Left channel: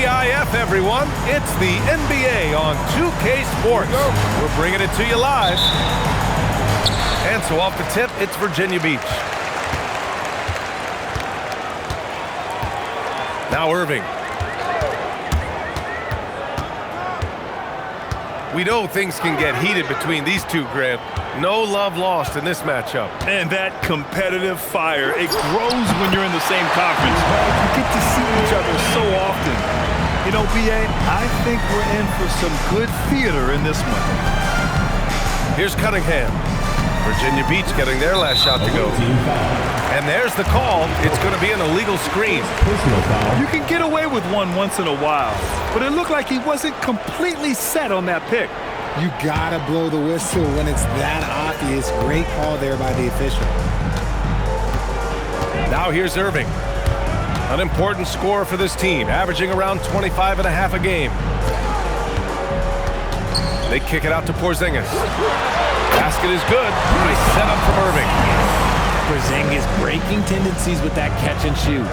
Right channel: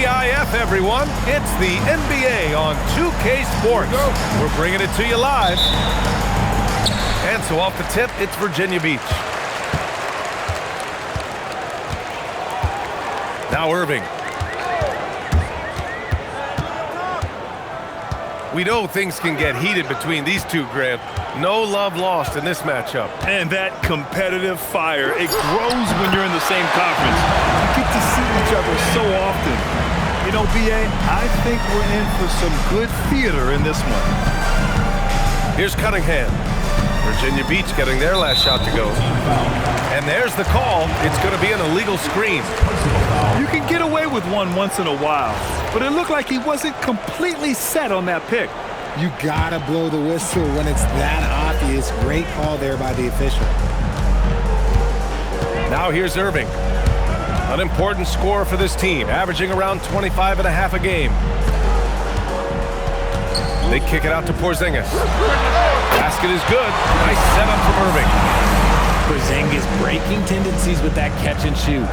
TGIF, everyone. It's the NBA on 2K Sports. We're bringing it to you live. And so off the tip, it's Virginia Beach. Now Irving. We know things can get heated between these two, Grant. No love lost in this matchup. And that competitive fire, it grows when you're in the same conference. You get to see each other so often. You know, B.A., I think we're in for some good theater in this one. Here's Cunningham. Virginia Beach getting their last shot to go. And there's the call. It's going to be an illegal screen. You can get away with one once in a while, but it looked like he wasn't completely set on that pick. You gotta blow the whistle when it's that obvious. Great call there by the official. Now here's Irving. An important scorer for this team, averaging around 25.5 a game. They kick it out to Porzingis. Basket is good. Nice setup from Irving. Porzingis breaking tendencies with that catch and shoot.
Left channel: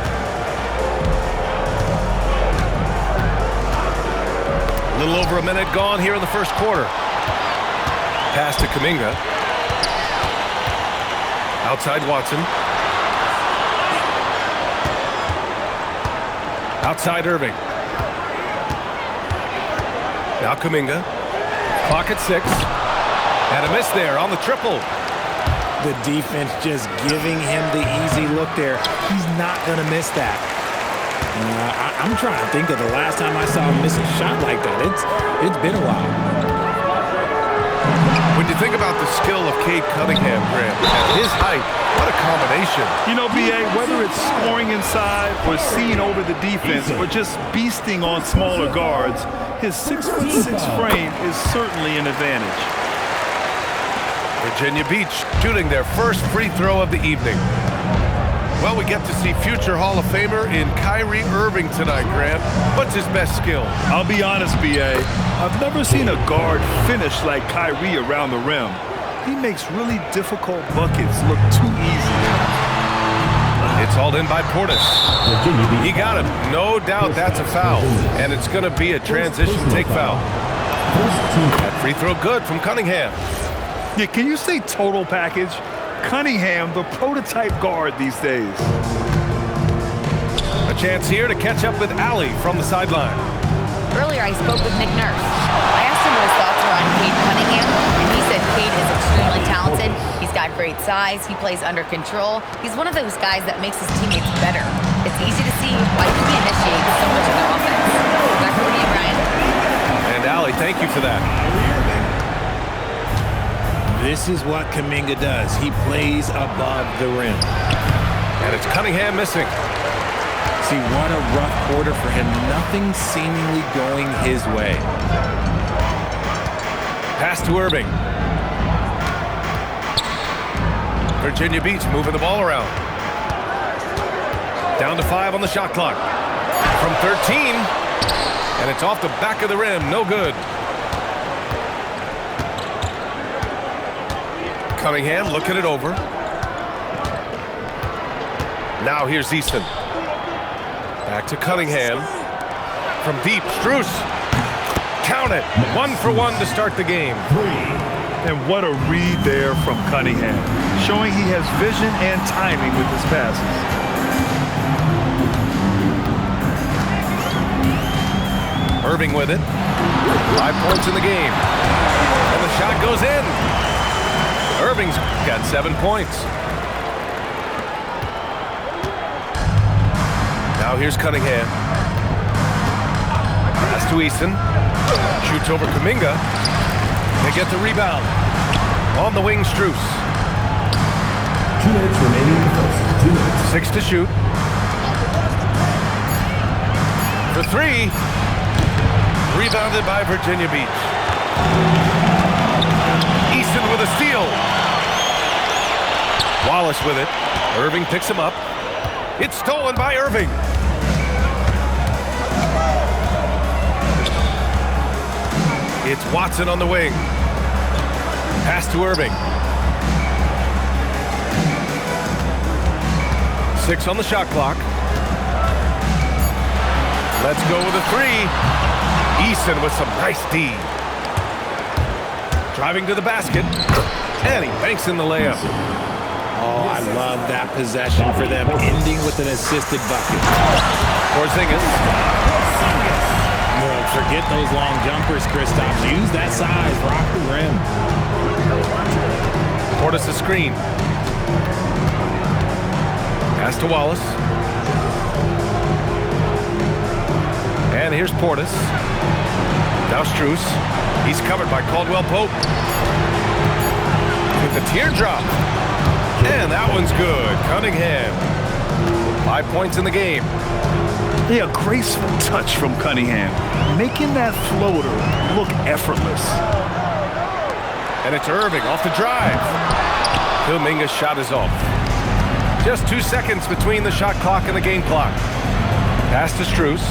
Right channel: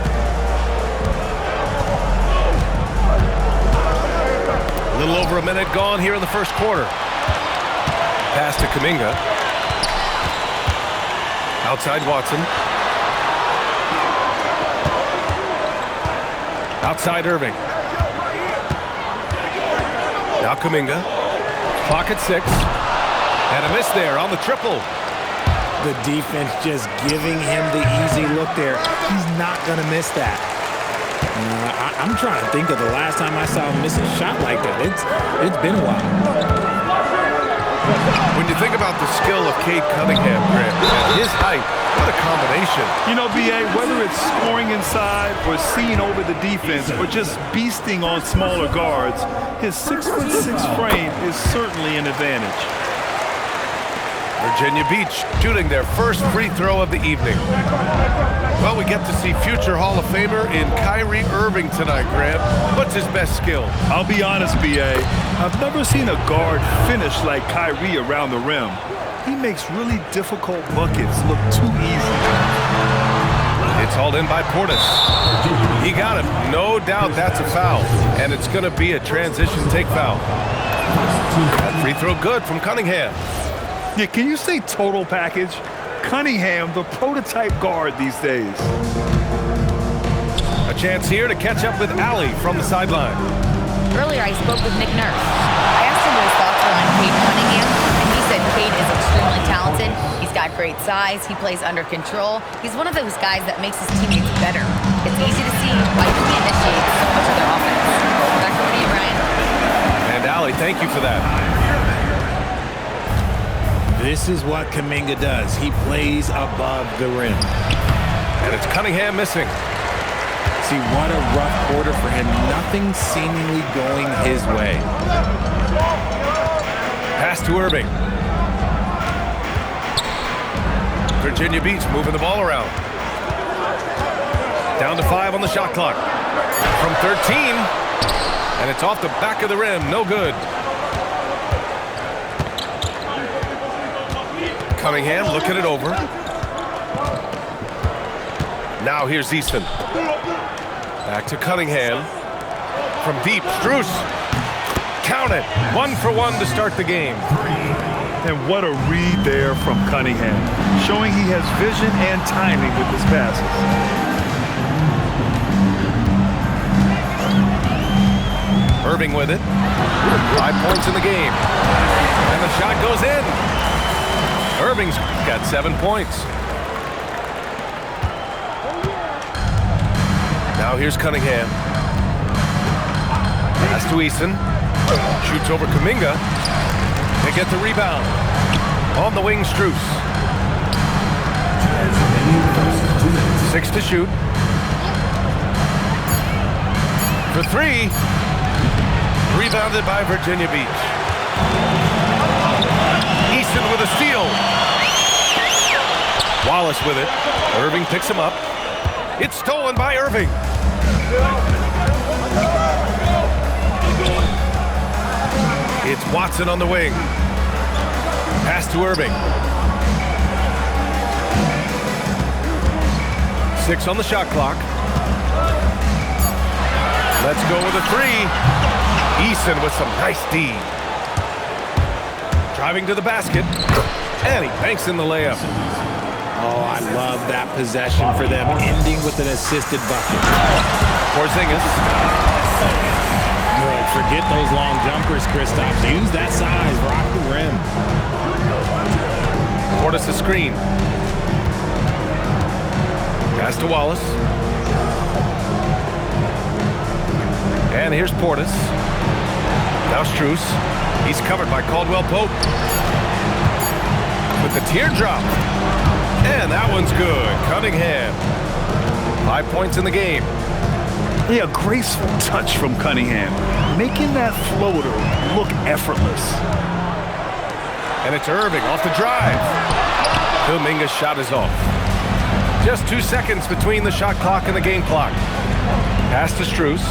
A little over a minute gone here in the first quarter. Pass to Kuminga. Outside Watson. Outside Irving. Now Kuminga. Clock at 6. And a miss there on the triple. The defense just giving him the easy look there. He's not going to miss that. I'm trying to think of the last time I saw him miss a shot like that. It's been a while. When you think about the skill of Cade Cunningham, Grant, at his height, what a combination. You know, B.A., whether it's scoring inside or seeing over the defense or just beasting on smaller guards, his 6'6" frame is certainly an advantage. Virginia Beach shooting their first free throw of the evening. Well, we get to see future Hall of Famer in Kyrie Irving tonight, Grant. What's his best skill? I'll be honest, B.A., I've never seen a guard finish like Kyrie around the rim. He makes really difficult buckets look too easy. It's hauled in by Portis. He got him. No doubt that's a foul. And it's going to be a transition take foul. That free throw good from Cunningham. Yeah, can you say total package? Cunningham, the prototype guard these days. A chance here to catch up with Allie from the sideline. Earlier, I spoke with Nick Nurse. I asked him what his thoughts were on Cade Cunningham, and he said Cade is extremely talented. He's got great size. He plays under control. He's one of those guys that makes his teammates better. It's easy to see why he initiates so much of their offense. Back over to you, Brian. And Allie, thank you for that. This is what Kuminga does. He plays above the rim. And it's Cunningham missing. See, what a rough quarter for him. Nothing seemingly going his way. Pass to Irving. Virginia Beach moving the ball around. Down to 5 on the shot clock. From 13. And it's off the back of the rim. No good. Cunningham looking it over. Now here's Easton. Back to Cunningham. From deep, Strus. Count it. 1 for 1 to start the game. And what a read there from Cunningham, showing he has vision and timing with his passes. Irving with it. 5 points in the game. And the shot goes in. Irving's got 7 points. Now here's Cunningham. Pass to Easton. Shoots over Kuminga. They get the rebound. On the wing, Strus. 2 minutes remaining. 2 minutes. 6 to shoot. For 3. Rebounded by Virginia Beach. Easton with a steal. Wallace with it. Irving picks him up. It's stolen by Irving. It's Watson on the wing. Pass to Irving. 6 on the shot clock. Let's go with a three. Eason with some nice D. Driving to the basket. And he banks in the layup. Oh, I love that possession for them, ending with an assisted bucket. Porzingis. Look, forget those long jumpers, Kristaps. Use that size. Rock the rim. Portis a screen. Pass to Wallace. And here's Portis. Now Strus. He's covered by Caldwell Pope. With the teardrop. And that one's good. Cunningham. 5 points in the game. Yeah, a graceful touch from Cunningham, making that floater look effortless. And it's Irving off the drive. Kuminga's shot is off. Just 2 seconds between the shot clock and the game clock. Pass to Strus.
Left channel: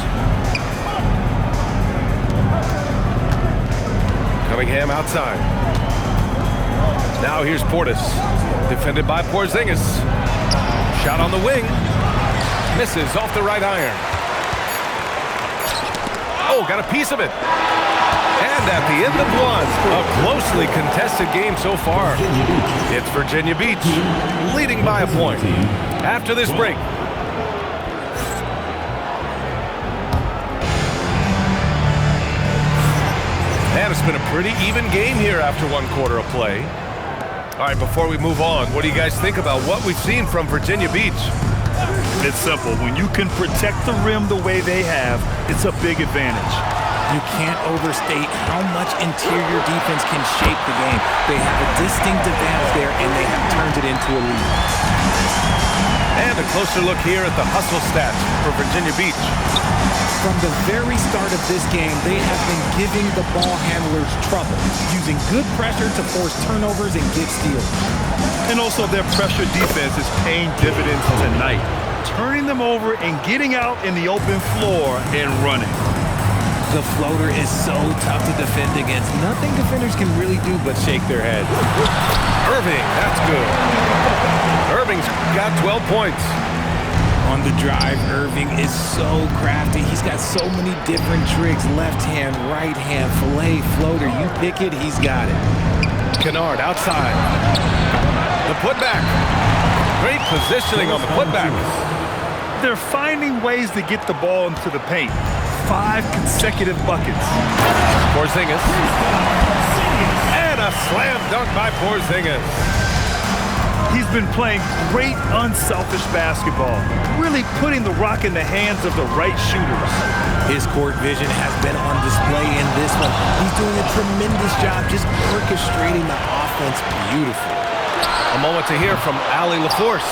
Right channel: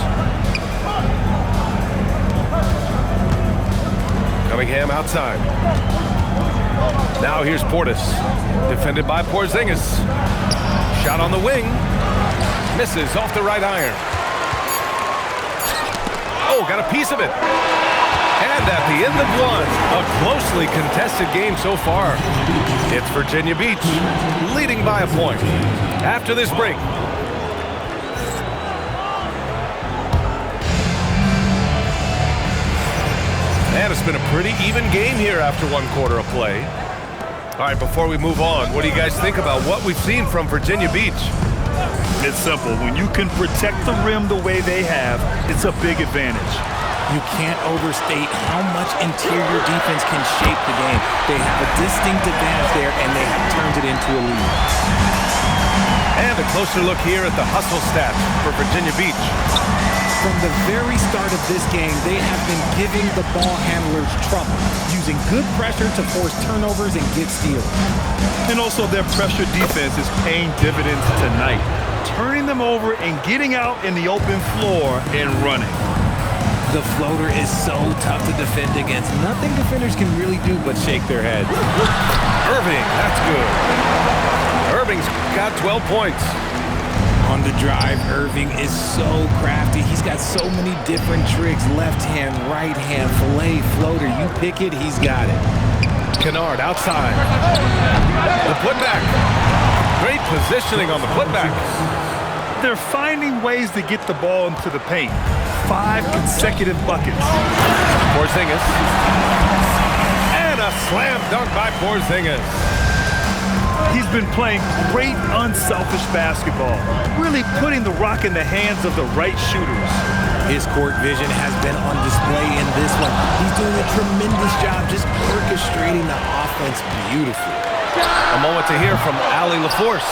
Cunningham outside. Now here's Portis. Defended by Porzingis. Shot on the wing. Misses off the right iron. Oh, got a piece of it. And at the end of one, a closely contested game so far. It's Virginia Beach leading by a point. After this break. And it's been a pretty even game here after 1 quarter of play. All right, before we move on, what do you guys think about what we've seen from Virginia Beach? It's simple. When you can protect the rim the way they have, it's a big advantage. You can't overstate how much interior defense can shape the game. They have a distinct advantage there, and they have turned it into a lead. And a closer look here at the hustle stats for Virginia Beach. From the very start of this game, they have been giving the ball handlers trouble, using good pressure to force turnovers and get steals. And also their pressure defense is paying dividends tonight, turning them over and getting out in the open floor and running. The floater is so tough to defend against. Nothing defenders can really do but shake their heads. Irving, that's good. Irving's got 12 points. On the drive, Irving is so crafty. He's got so many different tricks. Left hand, right hand, fillet, floater. You pick it, he's got it. Kennard outside. The putback. Great positioning on the putback. They're finding ways to get the ball into the paint. 5 consecutive buckets. Porzingis. And a slam dunk by Porzingis. He's been playing great unselfish basketball, really putting the rock in the hands of the right shooters. His court vision has been on display in this one. He's doing a tremendous job just orchestrating the offense beautifully. A moment to hear from Allie LaForce.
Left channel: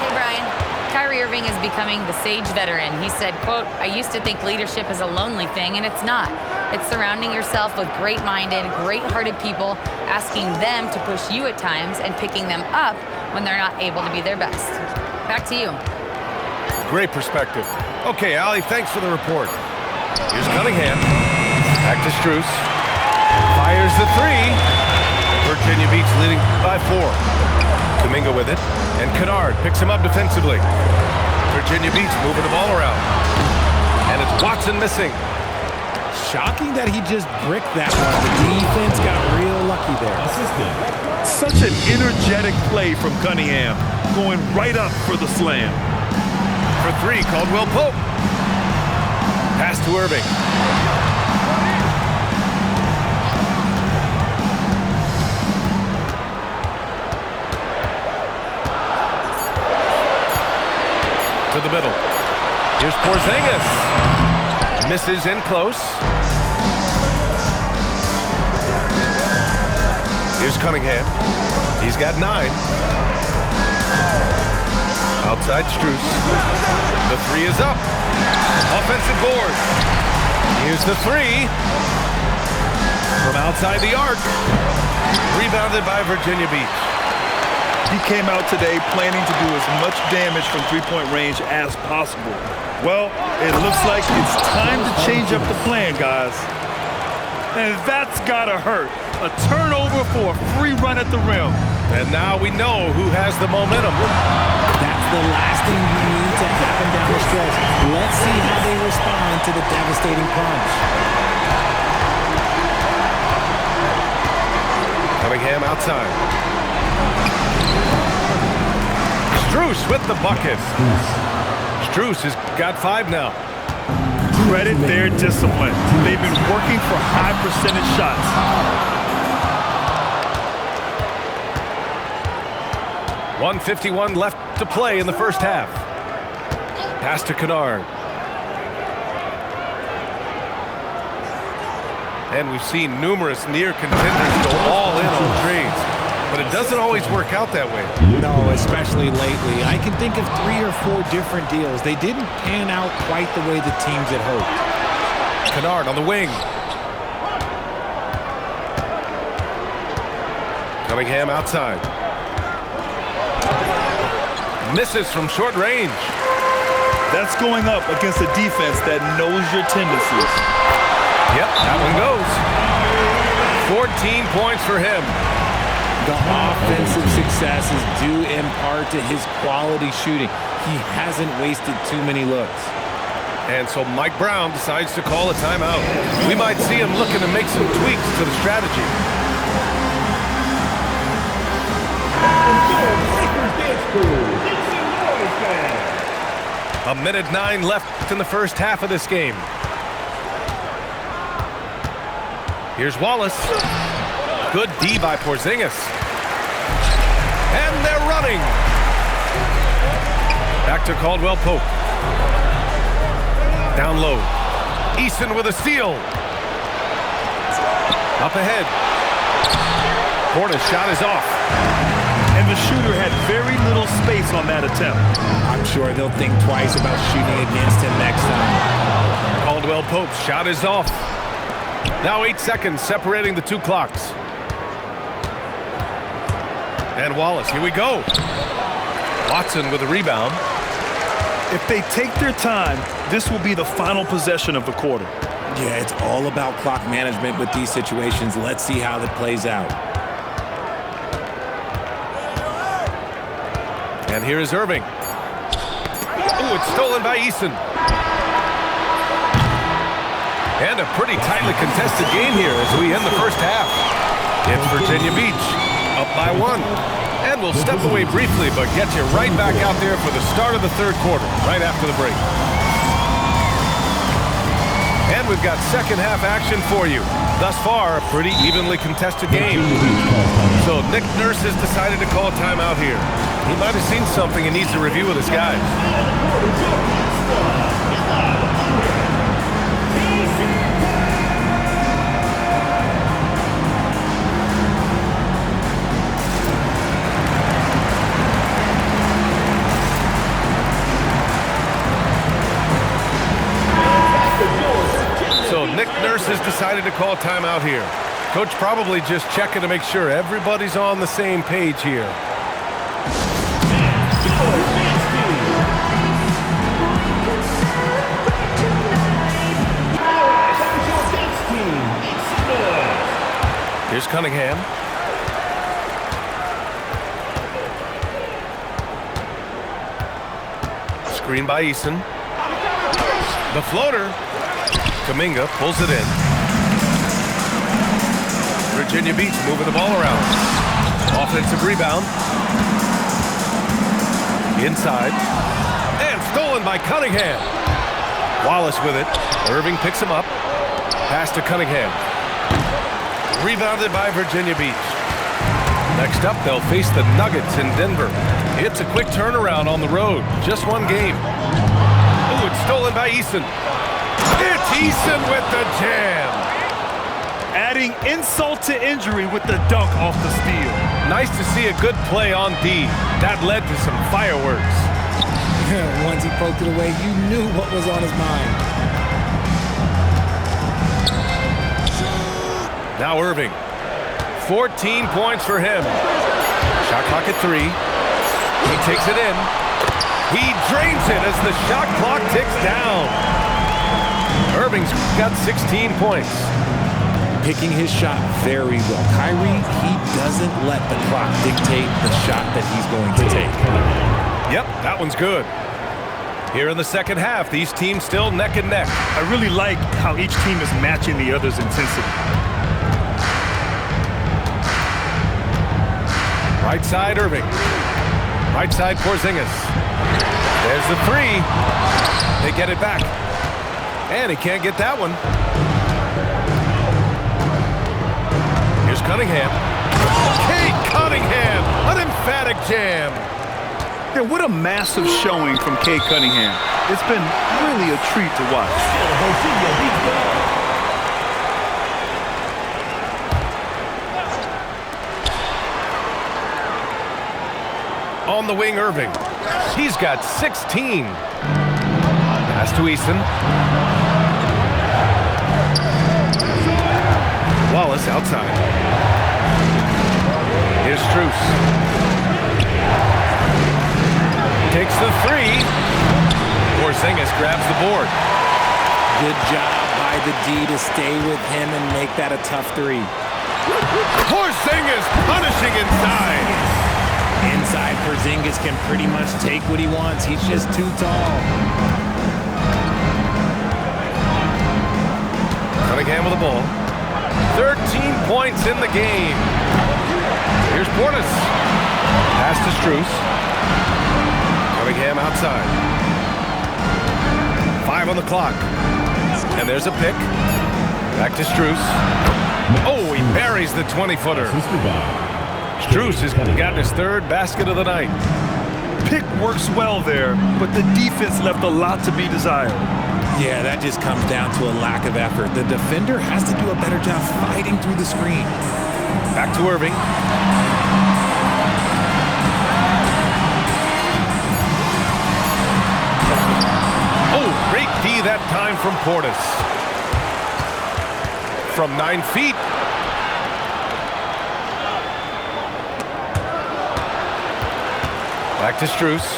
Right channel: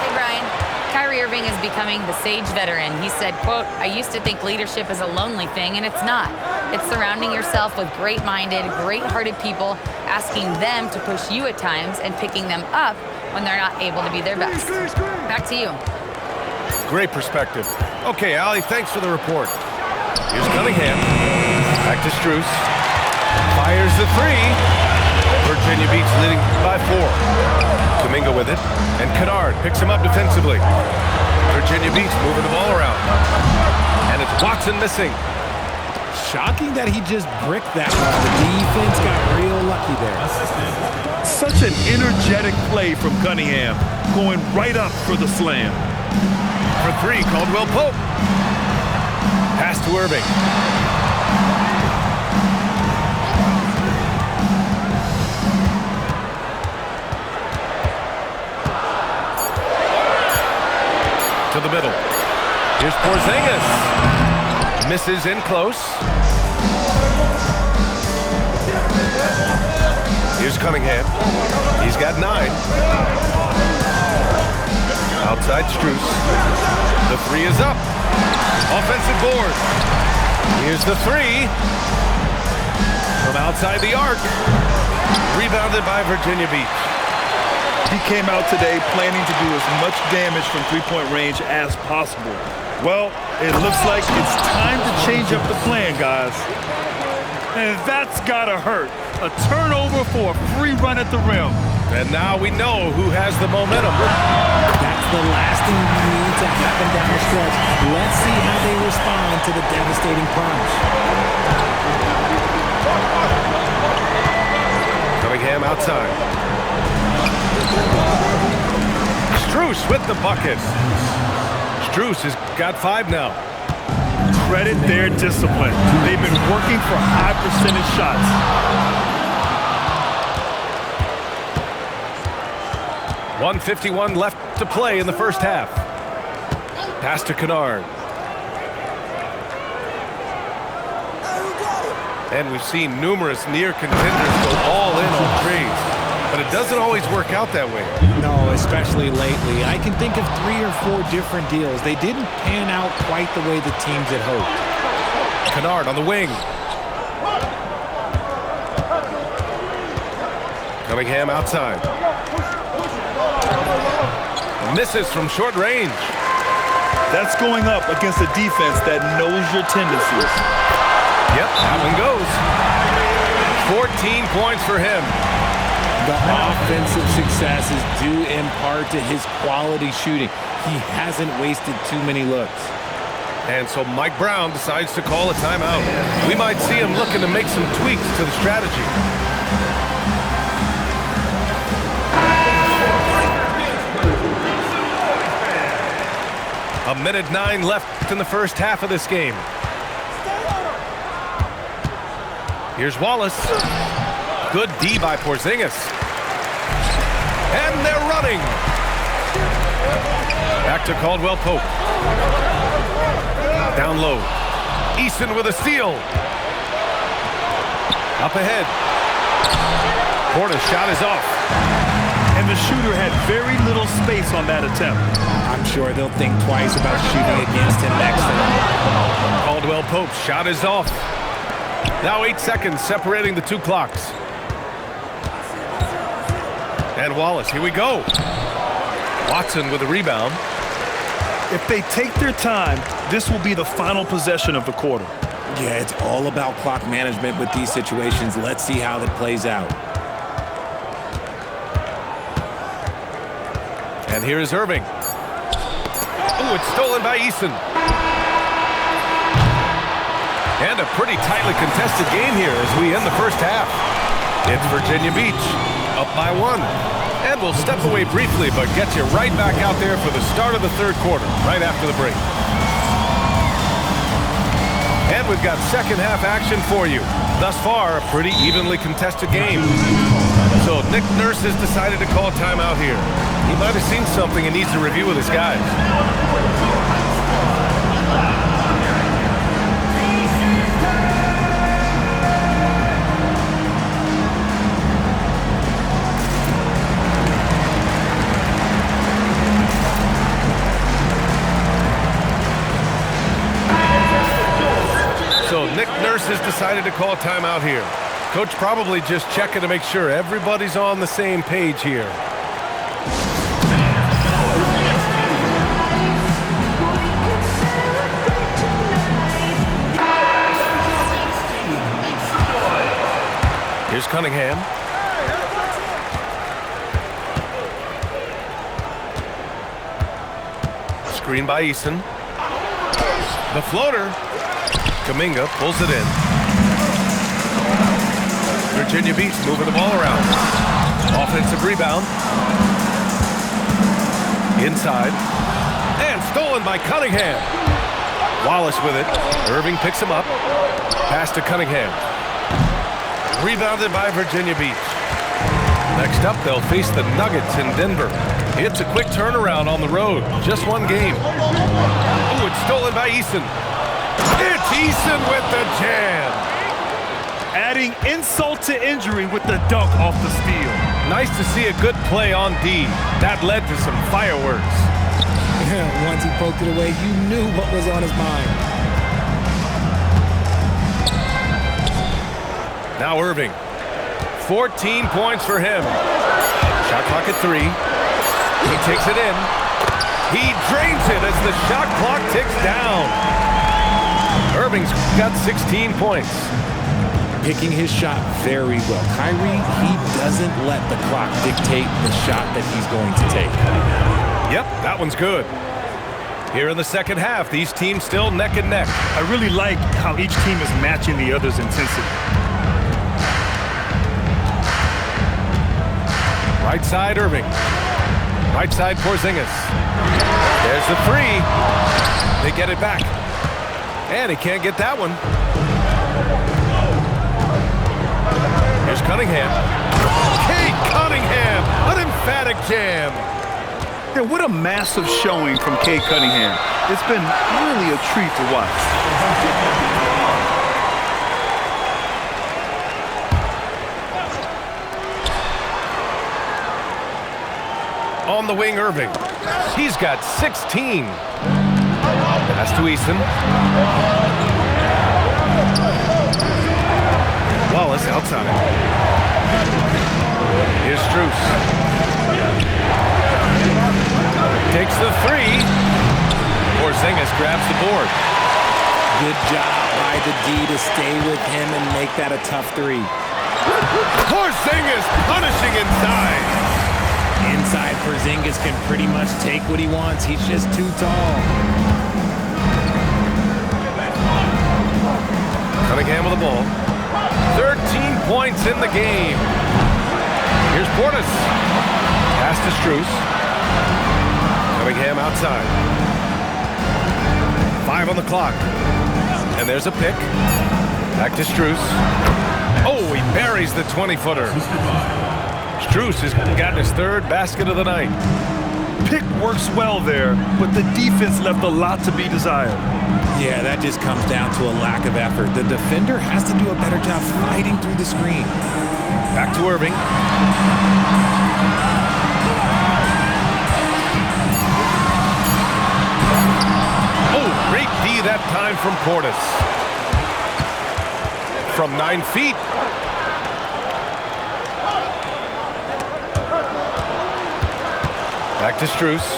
Hey, Brian. Kyrie Irving is becoming the sage veteran. He said, quote, "I used to think leadership is a lonely thing, and it's not. It's surrounding yourself with great-minded, great-hearted people, asking them to push you at times and picking them up when they're not able to be their best." Back to you. Great perspective. Okay, Allie, thanks for the report. Here's Cunningham. Back to Strus. Fires the three. Virginia Beach leading by 4. Kuminga with it. And Kennard picks him up defensively. Virginia Beach moving the ball around. And it's Watson missing. Shocking that he just bricked that one. The defense got real lucky there. Such an energetic play from Cunningham, going right up for the slam. For 3, Caldwell Pope. Pass to Irving. To the middle. Here's Porzingis. Misses in close. Here's Cunningham. He's got 9. Outside Strus. The 3 is up. Offensive board. Here's the 3. From outside the arc. Rebounded by Virginia Beach. He came out today planning to do as much damage from three-point range as possible. Well, it looks like it's time to change up the plan, guys. And that's gotta hurt. A turnover for a free run at the rim. And now we know who has the momentum. That's the last thing you need to happen down the stretch. Let's see how they respond to the devastating punch. Cunningham outside. Strus with the bucket. Strus has got 5 now. Credit their discipline. They've been working for high percentage shots. .151 left to play in the first half. Pass to Kennard. And we've seen numerous near contenders go all in on trades, but it doesn't always work out that way. No, especially lately. I can think of 3 or 4 different deals. They didn't pan out quite the way the teams had hoped. Kennard on the wing. Cunningham outside. Misses from short range. That's going up against a defense that knows your tendencies. Yep, that one goes. 14 points for him. The offensive success is due in part to his quality shooting. He hasn't wasted too many looks. And so Mike Brown decides to call a timeout. We might see him looking to make some tweaks to the strategy. A minute 9 left in the first half of this game. Here's Wallace. Good D by Porzingis. And they're running. Back to Caldwell Pope. Down low. Eason with a steal. Up ahead. Portis' shot is off. And the shooter had very little space on that attempt. I'm sure they'll think twice about shooting against him next time. Caldwell Pope's shot is off. Now 8 seconds separating the 2 clocks. And Wallace, here we go. Watson with a rebound. If they take their time, this will be the final possession of the quarter. Yeah, it's all about clock management with these situations. Let's see how that plays out. And here is Irving. Oh, it's stolen by Eason. And a pretty tightly contested game here as we end the first half. It's Virginia Beach, up by 1. And we'll step away briefly, but get you right back out there for the start of the third quarter, right after the break. And we've got second half action for you. Thus far, a pretty evenly contested game. So Nick Nurse has decided to call timeout here. He might have seen something and needs to review with his guys. So Nick Nurse has decided to call timeout here. Coach probably just checking to make sure everybody's on the same page here. Here's Cunningham. Screen by Eason. The floater. Kuminga pulls it in. Virginia Beach moving the ball around. Offensive rebound. Inside. And stolen by Cunningham. Wallace with it. Irving picks him up. Pass to Cunningham. Rebounded by Virginia Beach. Next up, they'll face the Nuggets in Denver. It's a quick turnaround on the road. Just one game. Oh, it's stolen by Eason. It's Eason with the jam. Adding insult to injury with the dunk off the steal. Nice to see a good play on D. That led to some fireworks. Once he poked it away, you knew what was on his mind. Now Irving. 14 points for him. Shot clock at 3. He takes it in. He drains it as the shot clock ticks down. Irving's got 16 points. Picking his shot very well. Kyrie, he doesn't let the clock dictate the shot that he's going to take. Yep, that one's good. Here in the second half, these teams still neck and neck. I really like how each team is matching the other's intensity. Right side, Irving. Right side, Porzingis. There's the three. They get it back. And he can't get that one. Here's Cunningham. Cade Cunningham, an emphatic jam. Yeah, what a massive showing from Cade Cunningham. It's been really a treat to watch. On the wing, Irving. He's got 16. Pass to Easton. Wallace outside. Here's Strus. Takes the three. Porzingis grabs the board. Good job by the D to stay with him and make that a tough three. Porzingis punishing inside. Inside, Porzingis can pretty much take what he wants. He's just too tall. Cunningham with the ball. 13 points in the game. Here's Portis. Pass to Strus. Cunningham outside. 5 on the clock. And there's a pick. Back to Strus. Oh, he buries the 20-footer. Strus has gotten his third basket of the night. Pick works well there, but the defense left a lot to be desired. Yeah, that just comes down to a lack of effort. The defender has to do a better job fighting through the screen. Back to Irving. Oh, great D that time from Portis. From 9 feet. Back to Strus.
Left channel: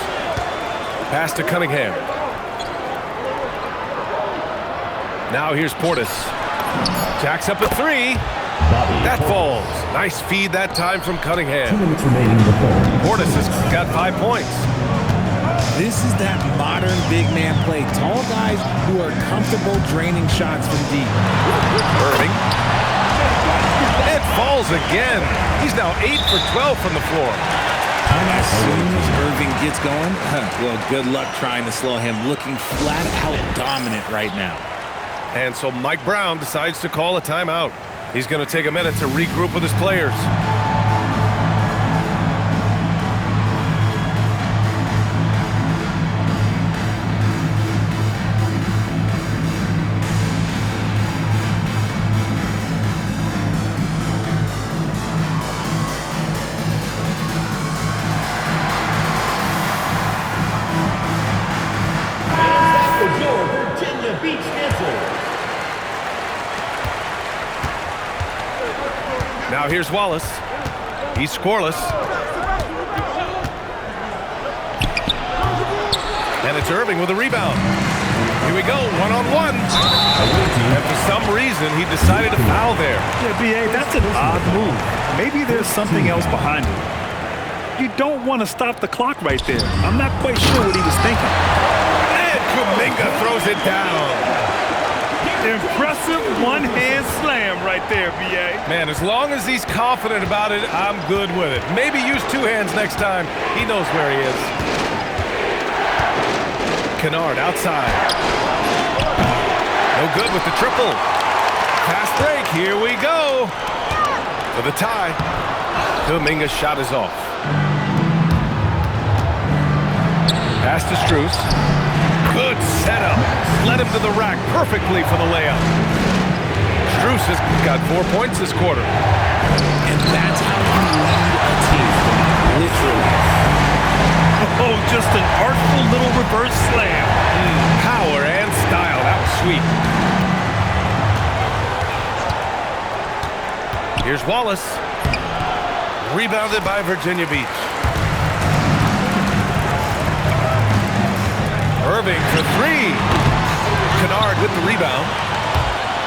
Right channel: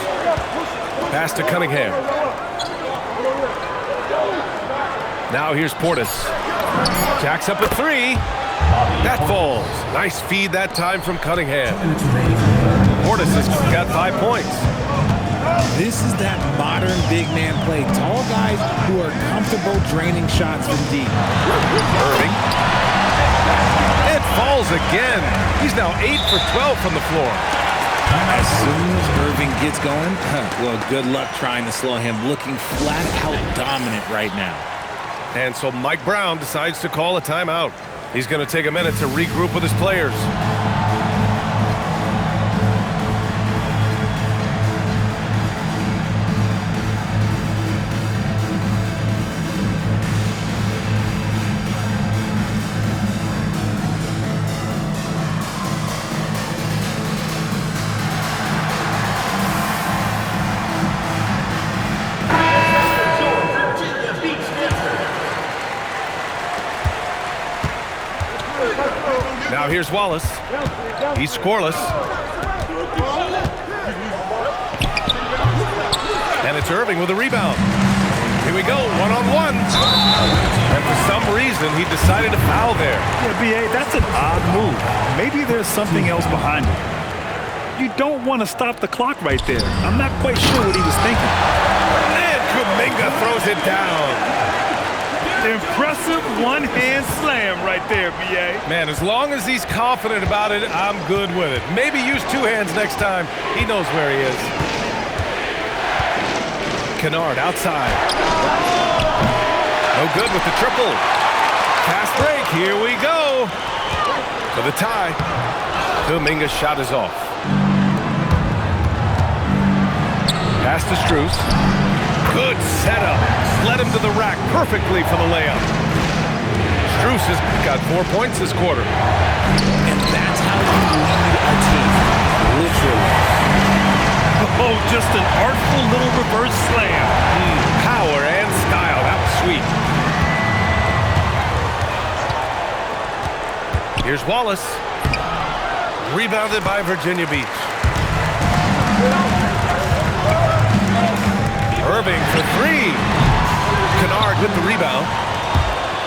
Pass to Cunningham. Now here's Portis. Jacks up a three. That falls. Nice feed that time from Cunningham. 2 minutes remaining in the third. Portis has got 5 points. This is that modern big man play. Tall guys who are comfortable draining shots from deep. Irving. It falls again. He's now 8 for 12 from the floor. As soon as Irving gets going, well, good luck trying to slow him. Looking flat out dominant right now. And so Mike Brown decides to call a timeout. He's going to take a minute to regroup with his players. Now here's Wallace. He's scoreless. And it's Irving with a rebound. Here we go, one-on-one. And for some reason, he decided to foul there. Yeah, B.A., that's an odd move. Maybe there's something else behind it. You don't want to stop the clock right there. I'm not quite sure what he was thinking. And Kuminga throws it down. Impressive one-hand slam right there, B.A. Man, as long as he's confident about it, I'm good with it. Maybe use 2 hands next time. He knows where he is. Kennard outside. No good with the triple. Fast break, here we go. For the tie. Kuminga's shot is off. Pass to Strus. Good setup. Led him to the rack perfectly for the layup. Strus has got 4 points this quarter. And that's how you lead a team. Literally. Oh, just an artful little reverse slam. Power and style. That was sweet. Here's Wallace. Rebounded by Virginia Beach. Irving for 3. Kennard with the rebound.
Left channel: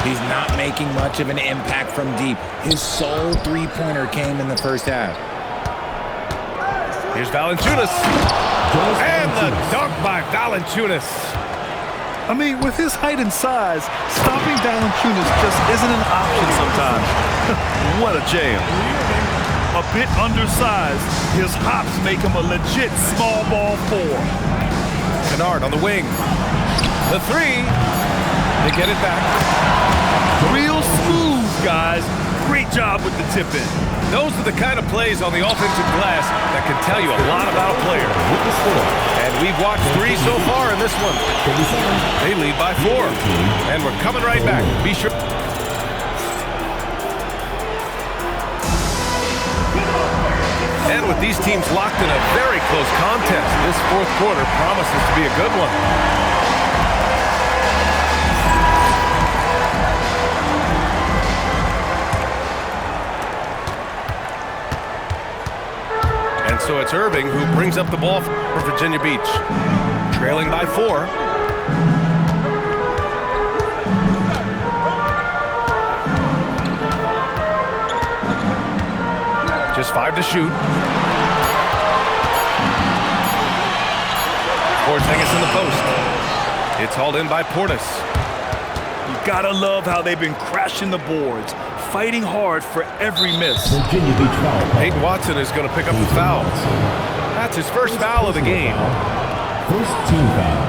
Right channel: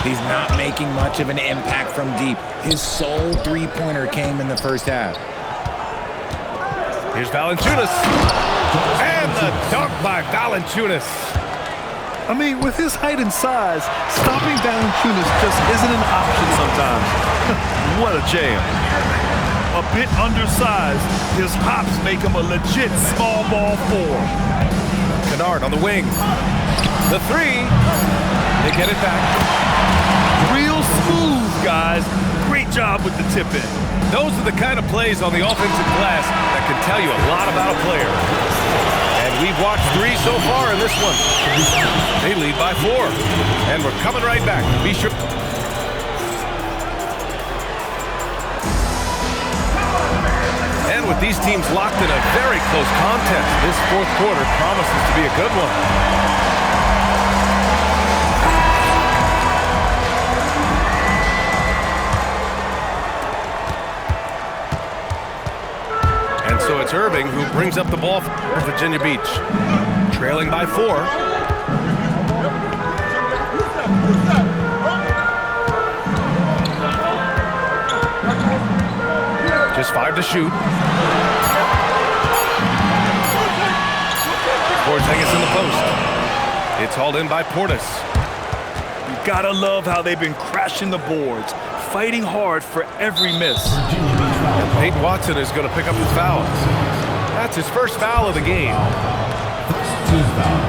He's not making much of an impact from deep. His sole three-pointer came in the first half. Here's Valanciunas. And the dunk by Valanciunas. I mean, with his height and size, stopping Valanciunas just isn't an option sometimes. What a jam. A bit undersized, his hops make him a legit small ball 4. Kennard on the wing. The three. They get it back. Real smooth, guys. Great job with the tip in. Those are the kind of plays on the offensive glass that can tell you a lot about a player. And we've watched 3 so far in this one. They lead by 4. And we're coming right back. Be sure. And with these teams locked in a very close contest, this fourth quarter promises to be a good one. And so it's Irving who brings up the ball for Virginia Beach. Trailing by 4. Just 5 to shoot. Porzingis in the post. It's hauled in by Portis. You gotta love how they've been crashing the boards, fighting hard for every miss. Virginia Beach foul. And Peyton Watson is going to pick up the foul. That's his first foul of the game. First team foul.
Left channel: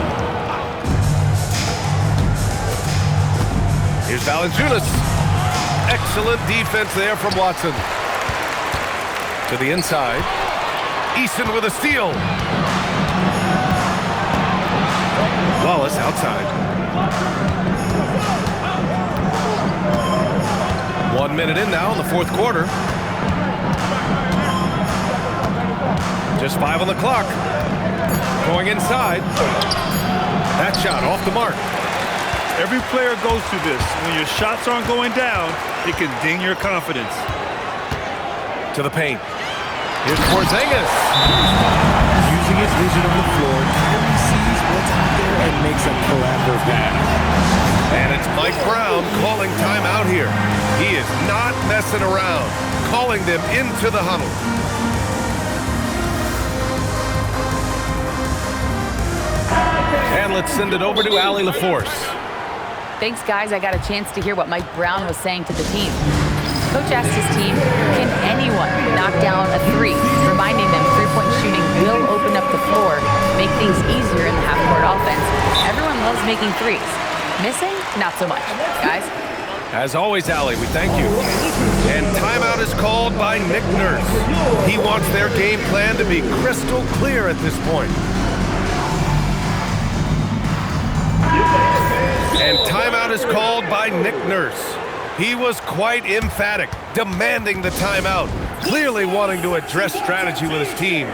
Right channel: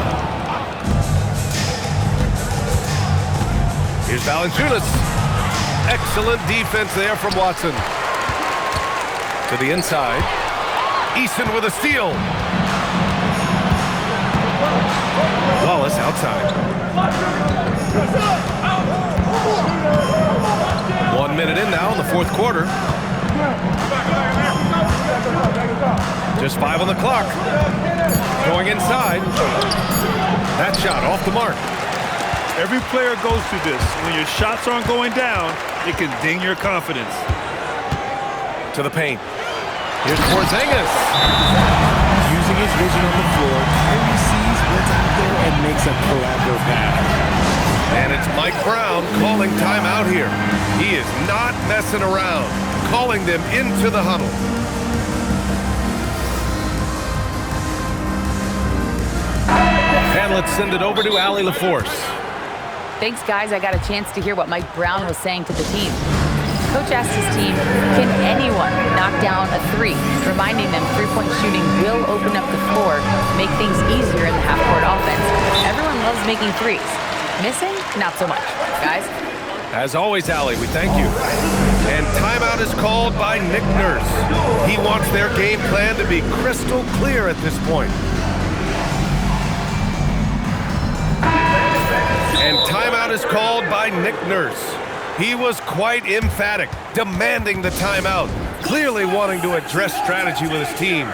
Here's Valanciunas. Excellent defense there from Watson. To the inside. Eason with a steal. Wallace outside. 1 minute in now in the fourth quarter. Just 5 on the clock. Going inside. That shot off the mark. Every player goes through this. When your shots aren't going down, it can ding your confidence. To the paint. Here's Porzingis. Using his vision on the floor, Kyrie sees what's out there and makes a clever pass. And it's Mike Brown calling timeout here. He is not messing around, calling them into the huddle. And let's send it over to Allie LaForce. Thanks, guys. I got a chance to hear what Mike Brown was saying to the team. Coach asked his team, can anyone knock down a 3? Reminding them three-point shooting will open up the floor, make things easier in the half-court offense. Everyone loves making 3s. Missing? Not so much. Guys? As always, Allie, we thank you. And timeout is called by Nick Nurse. He wants their game plan to be crystal clear at this point. And timeout is called by Nick Nurse. He was quite emphatic, demanding the timeout, clearly wanting to address strategy with his team.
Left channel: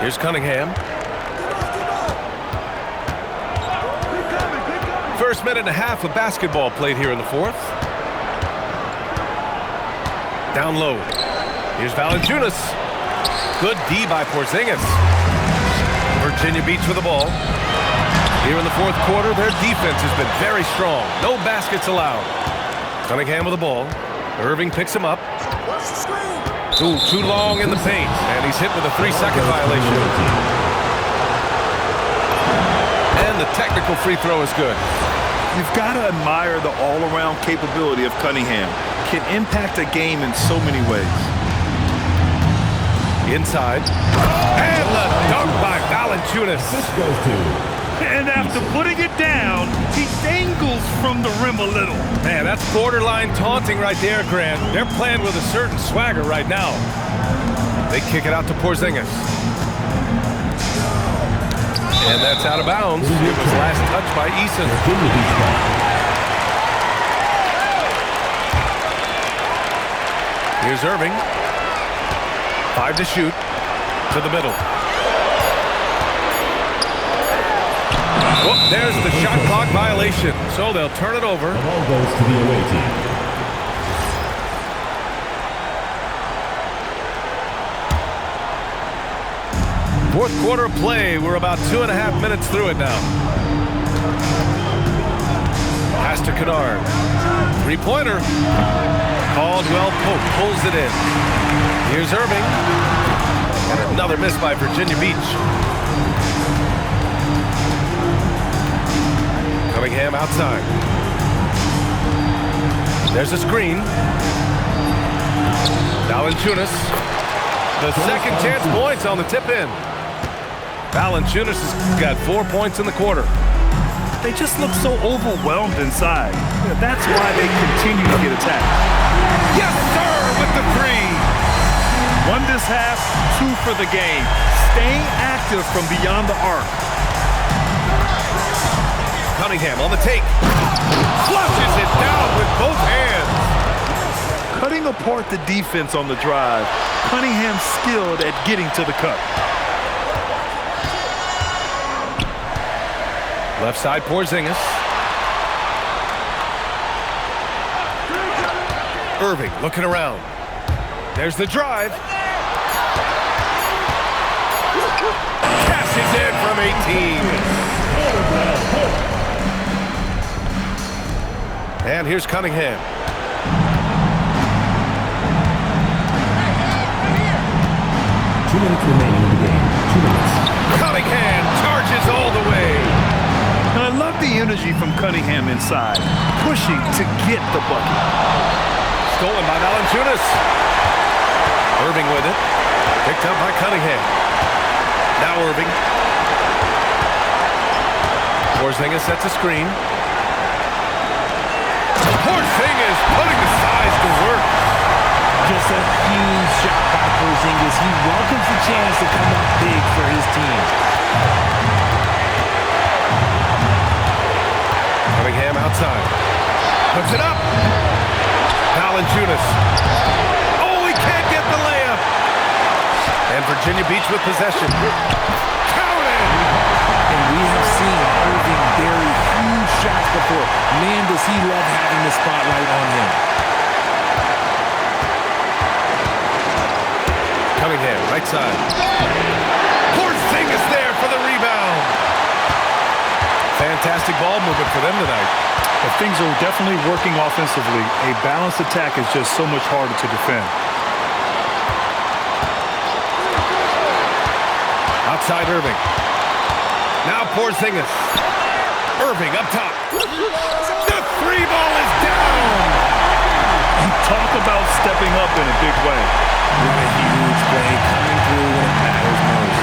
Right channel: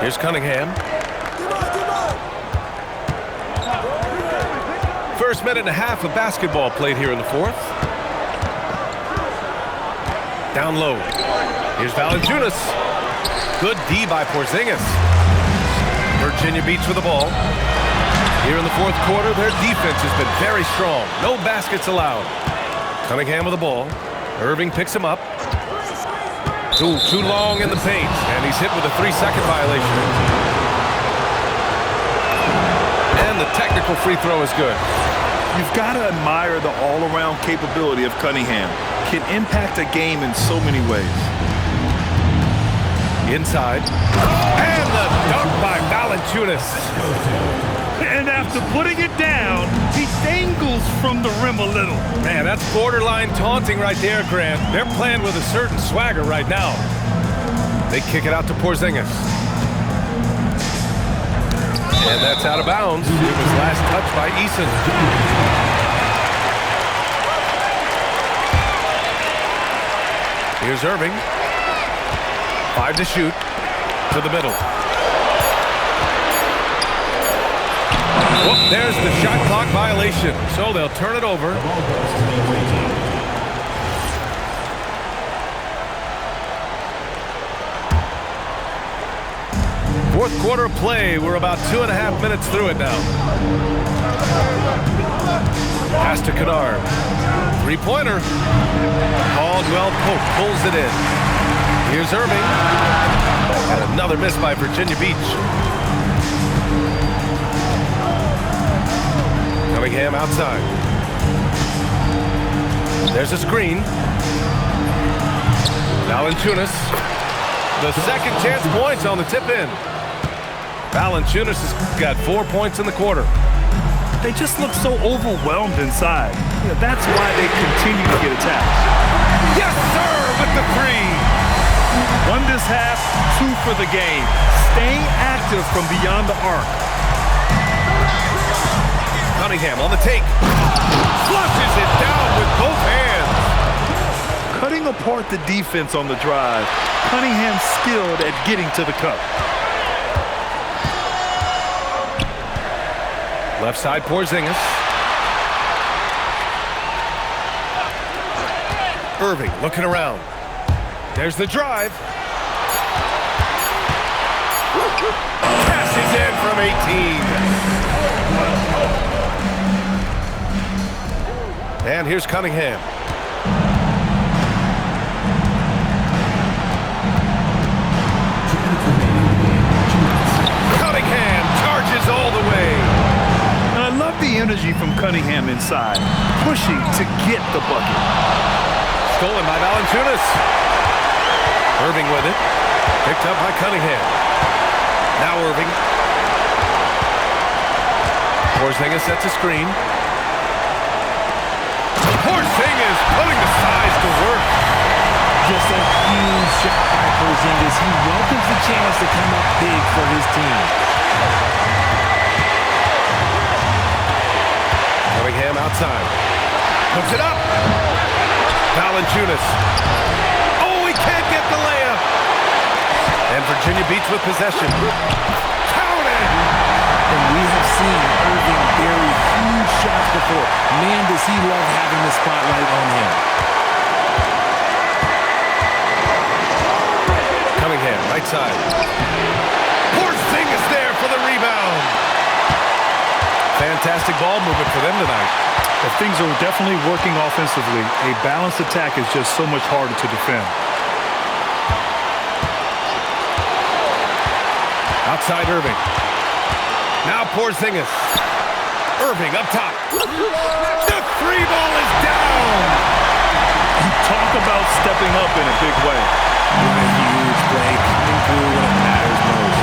Here's Cunningham. First minute and a half of basketball played here in the fourth. Down low. Here's Valanciunas. Good D by Porzingis. Virginia Beach with the ball. Here in the fourth quarter, their defense has been very strong. No baskets allowed. Cunningham with the ball. Irving picks him up. Too long in the paint, and he's hit with a 3-second violation. And the technical free throw is good. You've got to admire the all-around capability of Cunningham. Can impact a game in so many ways. Inside. And the dunk by Valanciunas. And after putting it down, he dangles from the rim a little. Man, that's borderline taunting right there, Grant. They're playing with a certain swagger right now. They kick it out to Porzingis. And that's out of bounds. It was last touched by Eason. Here's Irving. 5 to shoot. To the middle. Whoop, there's the shot clock violation. So they'll turn it over. The ball goes to the away team. Fourth quarter play. We're about 2.5 minutes through it now. Pass to Kennard. Three-pointer. Caldwell Pope pulls it in. Here's Irving. And another miss by Virginia Beach. Cunningham outside. There's a screen. Valanciunas. The second chance points on the tip-in. Valanciunas has got 4 points in the quarter. They just look so overwhelmed inside. That's why they continue to get attacked. Yes, sir, with the three. 1 this half, 2 for the game. Staying active from beyond the arc. Cunningham on the take. Flushes it down with both hands. Cutting apart the defense on the drive. Cunningham skilled at getting to the cup. Left side, Porzingis. Irving looking around. There's the drive. Cashes in from 18. And here's Cunningham. Cunningham charges all the way. And I love the energy from Cunningham inside, pushing to get the bucket. Stolen by Valanciunas. Irving with it. Picked up by Cunningham. Now Irving. Porzingis sets a screen. Porzingis putting the size to work. Just a huge shot by Porzingis. He welcomes the chance to come up big for his team. Cunningham outside. Puts it up. Valanciunas. Oh, he can't get the layup. And Virginia Beach with possession. Counted. And we have seen Irving bury huge shots before. Man, does he love having the spotlight on him. Cunningham, right side. Porzingis there for the rebound. Fantastic ball movement for them tonight. But things are definitely working offensively. A balanced attack is just so much harder to defend. Outside Irving. Now Porzingis. Irving up top. The three ball is down. And talk about stepping up in a big way. What a huge play coming through when it matters most.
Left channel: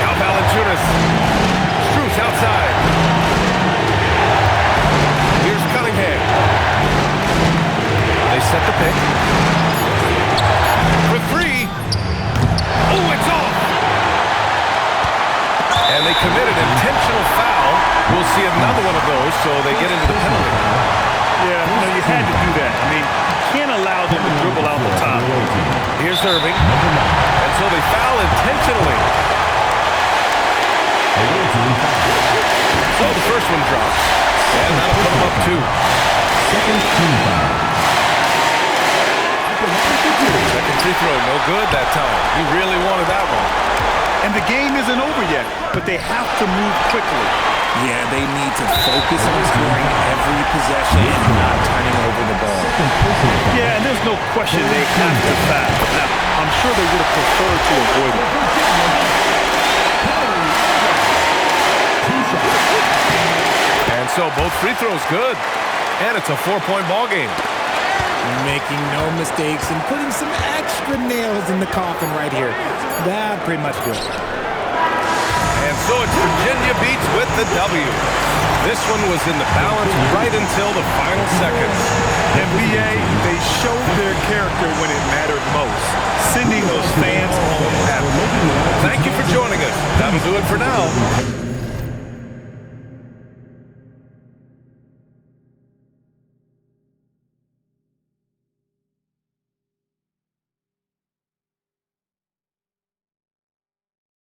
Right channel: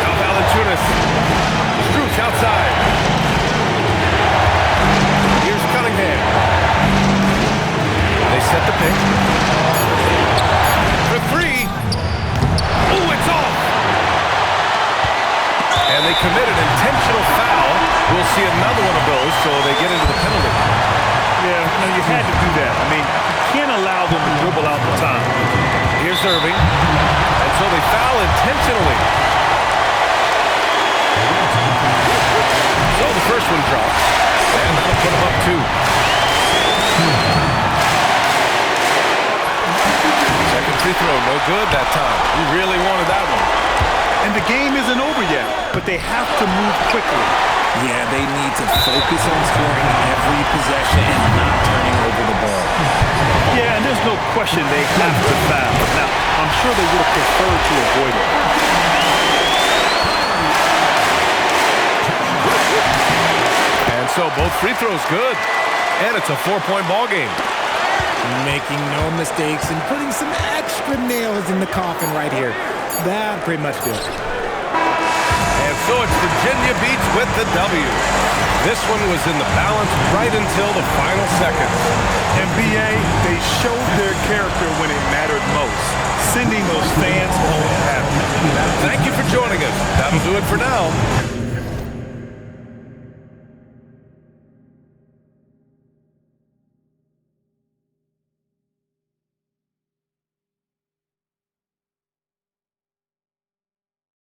Now Valanciunas. Strus outside. Here's Cunningham. They set the pick. For three. Oh, it's off. And they committed intentional foul. We'll see another one of those, so they get into the penalty. Yeah, you had to do that. I mean, you can't allow them to dribble out the time. Here's Irving. And so they foul intentionally. So the first one drops. And that'll put them up 2. Second free throw, no good that time. He really wanted that one. And the game isn't over yet, but they have to move quickly. Yeah, they need to focus on scoring every possession and not turning over the ball. Yeah, and there's no question they have to foul. Now, I'm sure they would have preferred to avoid it. And so both free throws good. And it's a 4-point ball game. Making no mistakes and putting some extra nails in the coffin right here. That pretty much do it. And so it's Virginia Beach with the W. This one was in the balance right until the final seconds. NBA, they showed their character when it mattered most, sending those fans home happy. Thank you for joining us. That'll do it for now.